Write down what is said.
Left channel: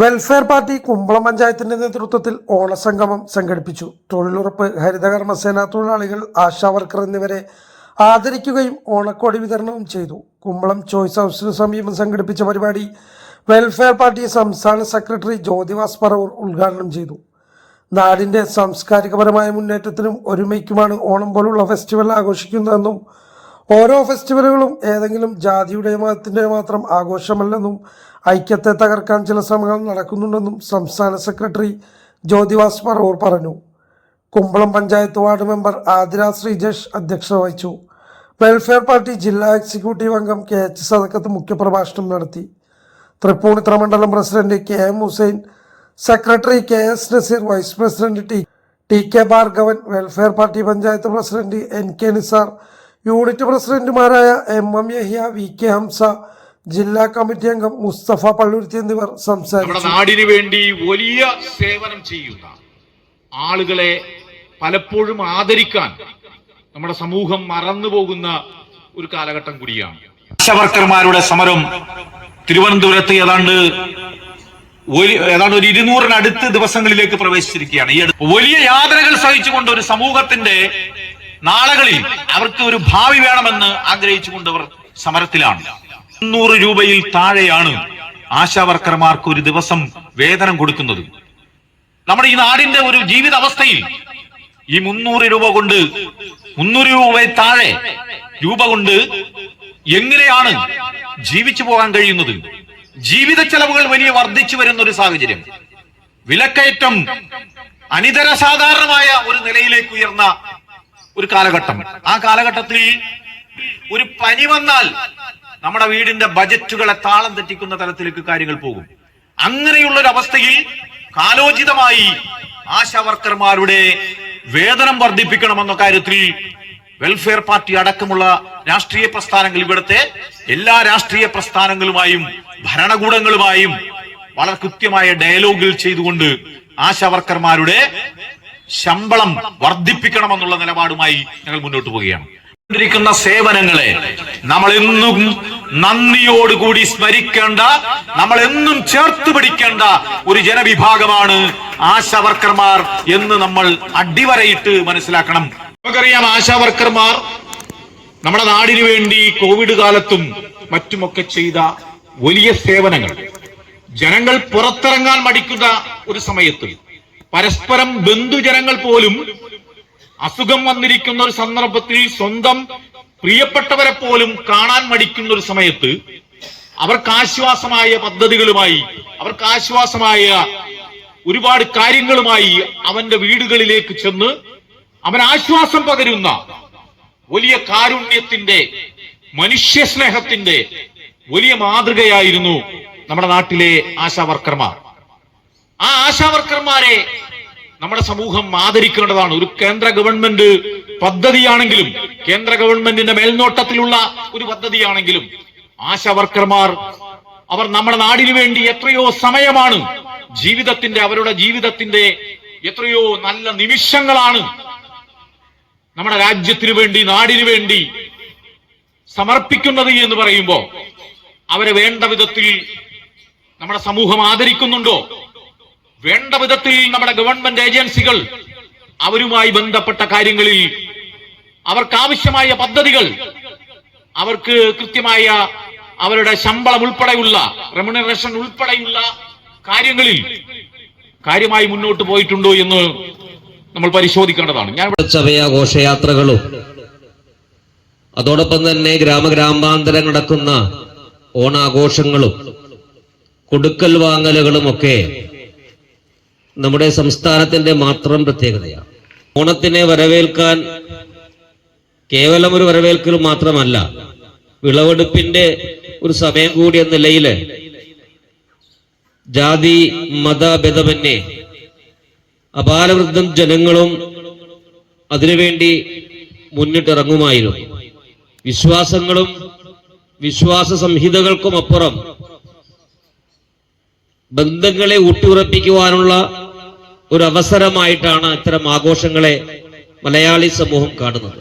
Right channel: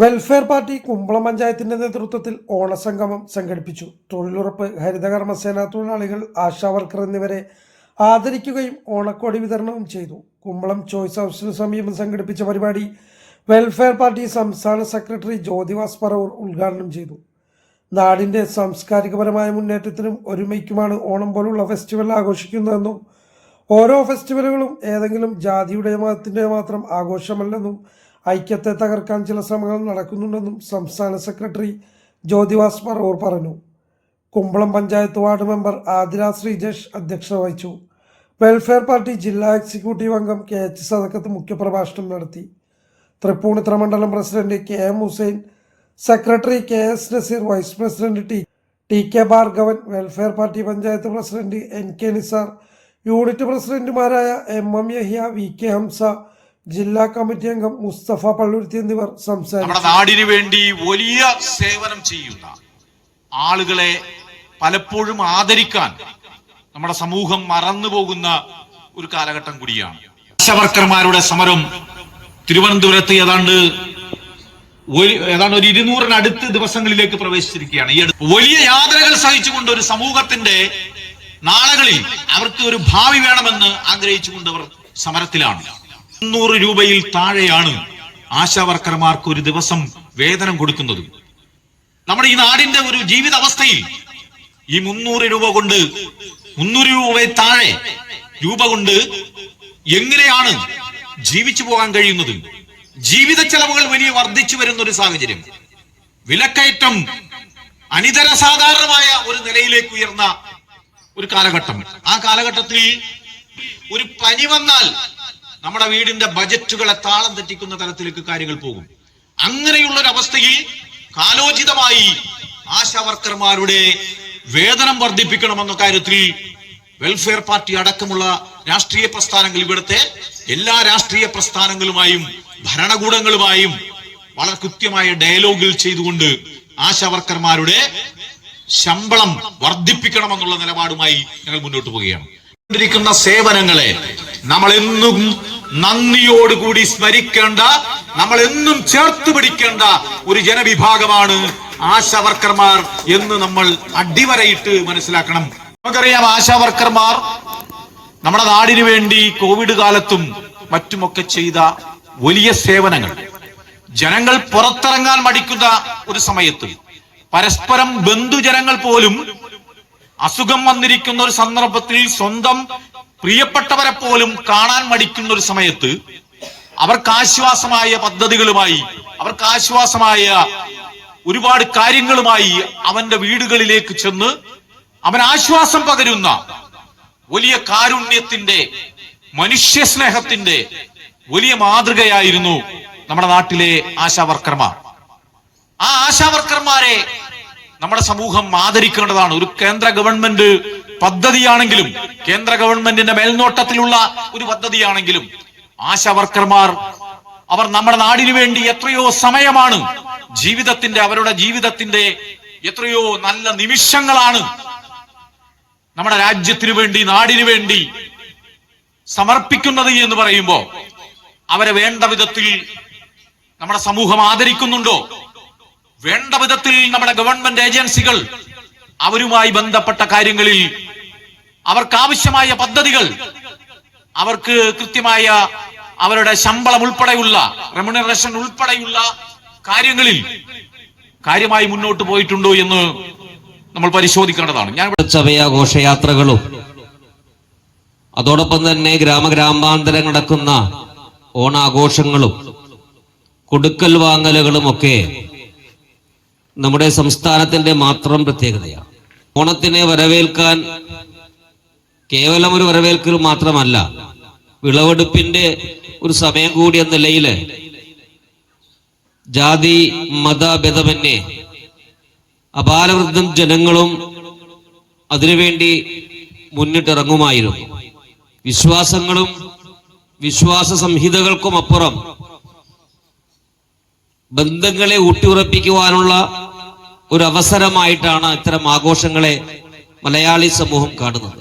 Welfare party കുമ്പളം പഞ്ചായത്തിന്റെ നേതൃത്വത്തിൽ ഓണസംഗമം സംഘടിപ്പിച്ചു. തൊഴിലുറപ്പ് ഹരിതകർമ്മസേന തൊഴിലാളികൾ ആശാവർക്കർ എന്നിവരെ ആദരിക്കുകയും ഓണക്കോടി വിതരണവും ചെയ്തു. കുമ്പളം ചോയ്സ് ഹൗസിന് സമീപം സംഘടിപ്പിച്ച പരിപാടി വെൽഫെയർ പാർട്ടി സംസ്ഥാന സെക്രട്ടറി ജ്യോതിവാസ് പറവൂർ ഉദ്ഘാടനം ചെയ്തു. നാടിന്റെ സാംസ്കാരികപരമായ മുന്നേറ്റത്തിനും ഒരുമയ്ക്കുമാണ് ഓണം പോലുള്ള ഫെസ്റ്റിവൽ ആഘോഷിക്കുന്നതെന്നും ഓരോ ഫെസ്റ്റിവലുകളും ഏതെങ്കിലും ജാതിയുടെ മതത്തിന്റെ മാത്രം ആഘോഷമല്ലെന്നും ഐക്യത്തെ തകർക്കാൻ ചില ശ്രമങ്ങൾ നടക്കുന്നുണ്ടെന്നും സംസ്ഥാന സെക്രട്ടറി ജ്യോതിവാസ് പറവൂർ പറഞ്ഞു. കുമ്പളം പഞ്ചായത്ത് വാർഡ് മെമ്പർ ആതിര ശ്രീജേഷ് അധ്യക്ഷത വഹിച്ചു. വെൽഫെയർ പാർട്ടി ജില്ലാ എക്സിക്യൂട്ടീവ് അംഗം കെ എച്ച് സദക്കത്ത് മുഖ്യപ്രഭാഷണം നടത്തി. തൃപ്പൂണിത്തറ മണ്ഡലം president K M Hussain secretary K S Nazeer vice president T T K Bhargavan welfare party panchayat president N K Nisar unit പ്രസിഡന്റുമാരായ M M Yahiya V K Hamza ജില്ലാ committee അംഗം മുസ്തഫ പള്ളുരുത്തി എന്നിവർ നമ്മുടെ സംസാരിച്ചു നാടിന് വേണ്ടി വലിയ സേവനം ചെയ്യുന്ന ആളുകളെ പലപ്പോഴും ആദരിക്കാൻ നമ്മുടെ സമൂഹം മറന്നുപോകുന്ന ഒരു കാലഘട്ടം കൂടിയാണ്. ആശാവർക്കർമാരുടെ സമരം തിരുവനന്തപുരത്ത് ഏതാണ്ട് ഒരു ഏതാണ്ട് ഒരു ഇരുന്നൂറിനടുത്ത് ദിവസങ്ങളിലേക്ക് പ്രവേശിച്ചിരിക്കുകയാണ്. ഈ വലിയ യാതനകൾ സഹിച്ചുകൊണ്ട് ഒരു സമൂഹത്തിന്റെ നാളുകളിൽ അവർക്ക് ഒരു ഭാവി വേണമെന്ന് ആഗ്രഹിച്ചുകൊണ്ട് അവർ സമരത്തിലാണ്. മുന്നൂറ് രൂപയിൽ താഴെയാണ് ആശാവർക്കർമാർക്ക് ഒരു ദിവസം വേതനം കൊടുക്കുന്നത്. നമ്മുടെ ഈ നാടിന്റെ ഒരു ജീവിത അവസ്ഥയിൽ ഈ മുന്നൂറ് രൂപ കൊണ്ട് മുന്നൂറ് രൂപ താഴെ രൂപ കൊണ്ട് എങ്ങനെയാണ് ജീവിച്ചു പോകാൻ കഴിയുന്നത്? ജീവിത ചെലവുകൾ വലിയ വർദ്ധിച്ചു വരുന്ന ഒരു സാഹചര്യം. വിലക്കയറ്റം അനിതര സാധാരണമായ ഒരു നിലയിലേക്ക് ഉയർന്ന ഒരു കാലഘട്ടം. ആ കാലഘട്ടത്തിൽ ഒരു പനി വന്നാൽ നമ്മുടെ വീടിന്റെ ബജറ്റുകളെ താളം തെറ്റിക്കുന്ന തലത്തിലേക്ക് കാര്യങ്ങൾ പോകും. അങ്ങനെയുള്ള ഒരു അവസ്ഥയിൽ കാലോചിതമായി ആശാവർക്കർമാരുടെ വേതനം വർദ്ധിപ്പിക്കണമെന്ന കാര്യത്തിൽ വെൽഫെയർ പാർട്ടി അടക്കമുള്ള രാഷ്ട്രീയ പ്രസ്ഥാനങ്ങൾ ഇവിടുത്തെ എല്ലാ രാഷ്ട്രീയ പ്രസ്ഥാനങ്ങളുമായും ഭരണകൂടങ്ങളുമായും വളരെ കൃത്യമായ ഡയലോഗിൽ ചെയ്തുകൊണ്ട് ആശാവർക്കർമാരുടെ ശമ്പളം വർദ്ധിപ്പിക്കണമെന്നുള്ള നിലപാടുമായി ഞങ്ങൾ മുന്നോട്ട് പോവുകയാണ്. സേവനങ്ങളെ നമ്മൾ എന്നും നന്ദിയോടുകൂടി സ്മരിക്കേണ്ട നമ്മൾ എന്നും ചേർത്ത് പിടിക്കേണ്ട ഒരു ജനവിഭാഗമാണ് ആശാവർക്കർമാർ എന്ന് നമ്മൾ അടിവരയിട്ട് മനസ്സിലാക്കണം. നമുക്കറിയാം ആശാവർക്കർമാർ നമ്മുടെ നാടിനു വേണ്ടി കോവിഡ് കാലത്തും മറ്റുമൊക്കെ ചെയ്ത വലിയ സേവനങ്ങൾ. ജനങ്ങൾ പുറത്തിറങ്ങാൻ മടിക്കുന്ന ഒരു സമയത്ത് പരസ്പരം ബന്ധുജനങ്ങൾ പോലും അസുഖം വന്നിരിക്കുന്ന ഒരു സന്ദർഭത്തിൽ സ്വന്തം പ്രിയപ്പെട്ടവരെ പോലും കാണാൻ മടിക്കുന്ന ഒരു സമയത്ത് അവർക്ക് ആശ്വാസമായ പദ്ധതികളുമായി അവർക്ക് ആശ്വാസമായ ഒരുപാട് കാര്യങ്ങളുമായി അവന്റെ വീടുകളിലേക്ക് ചെന്ന് അവൻ ആശ്വാസം പകരുന്ന വലിയ കാരുണ്യത്തിന്റെ മനുഷ്യ സ്നേഹത്തിന്റെ വലിയ മാതൃകയായിരുന്നു നമ്മുടെ നാട്ടിലെ ആശാവർക്കർമാർ ആ ആശാവർക്കർമാരെ നമ്മുടെ സമൂഹം ആദരിക്കേണ്ടതാണ്. ഒരു കേന്ദ്ര ഗവൺമെന്റ് പദ്ധതിയാണെങ്കിലും കേന്ദ്ര ഗവൺമെന്റിന്റെ മേൽനോട്ടത്തിലുള്ള ഒരു പദ്ധതിയാണെങ്കിലും ആശാവർക്കർമാർ അവർ നമ്മുടെ നാടിനു വേണ്ടി എത്രയോ സമയമാണ് ജീവിതത്തിന്റെ അവരുടെ ജീവിതത്തിന്റെ എത്രയോ നല്ല നിമിഷങ്ങളാണ് നമ്മുടെ രാജ്യത്തിനു വേണ്ടി നാടിനു വേണ്ടി സമർപ്പിക്കുന്നത് എന്ന് പറയുമ്പോ അവരെ വേണ്ട വിധത്തിൽ നമ്മുടെ സമൂഹം ആദരിക്കുന്നുണ്ടോ? വേണ്ട വിധത്തിൽ നമ്മുടെ ഗവൺമെന്റ് ഏജൻസികൾ അവരുമായി ബന്ധപ്പെട്ട കാര്യങ്ങളിൽ അവർക്ക് ആവശ്യമായ പദ്ധതികൾ അവർക്ക് കൃത്യമായ അവരുടെ ശമ്പളം ഉൾപ്പെടെയുള്ള റെമുനറേഷൻ ഉൾപ്പെടെയുള്ള കാര്യങ്ങളിൽ കാര്യമായി മുന്നോട്ട് പോയിട്ടുണ്ടോ എന്ന് നമ്മൾ പരിശോധിക്കേണ്ടതാണ്. ഞാൻ ഘോഷയാത്രകളും അതോടൊപ്പം തന്നെ ഗ്രാമഗ്രാമാന്തരം നടക്കുന്ന ഓണാഘോഷങ്ങളും കൊടുക്കൽ വാങ്ങലുകളും ഒക്കെ നമ്മുടെ സംസ്ഥാനത്തിന്റെ മാത്രം പ്രത്യേകതയാണ്. ഓണത്തിനെ വരവേൽക്കാൻ കേവലം ഒരു വരവേൽക്കൽ മാത്രമല്ല വിളവെടുപ്പിന്റെ ഒരു സമയം കൂടി എന്ന നിലയിൽ ജാതി മതഭേദമന്യേ അപാലവൃദ്ധം ജനങ്ങളും അതിനുവേണ്ടി മുന്നിട്ടിറങ്ങുമായിരുന്നു. വിശ്വാസങ്ങളും വിശ്വാസ സംഹിതകൾക്കും അപ്പുറം ബന്ധങ്ങളെ ഊട്ടിയുറപ്പിക്കുവാനുള്ള ഒരു അവസരമായിട്ടാണ് ഇത്തരം ആഘോഷങ്ങളെ മലയാളി സമൂഹം കാണുന്നത്.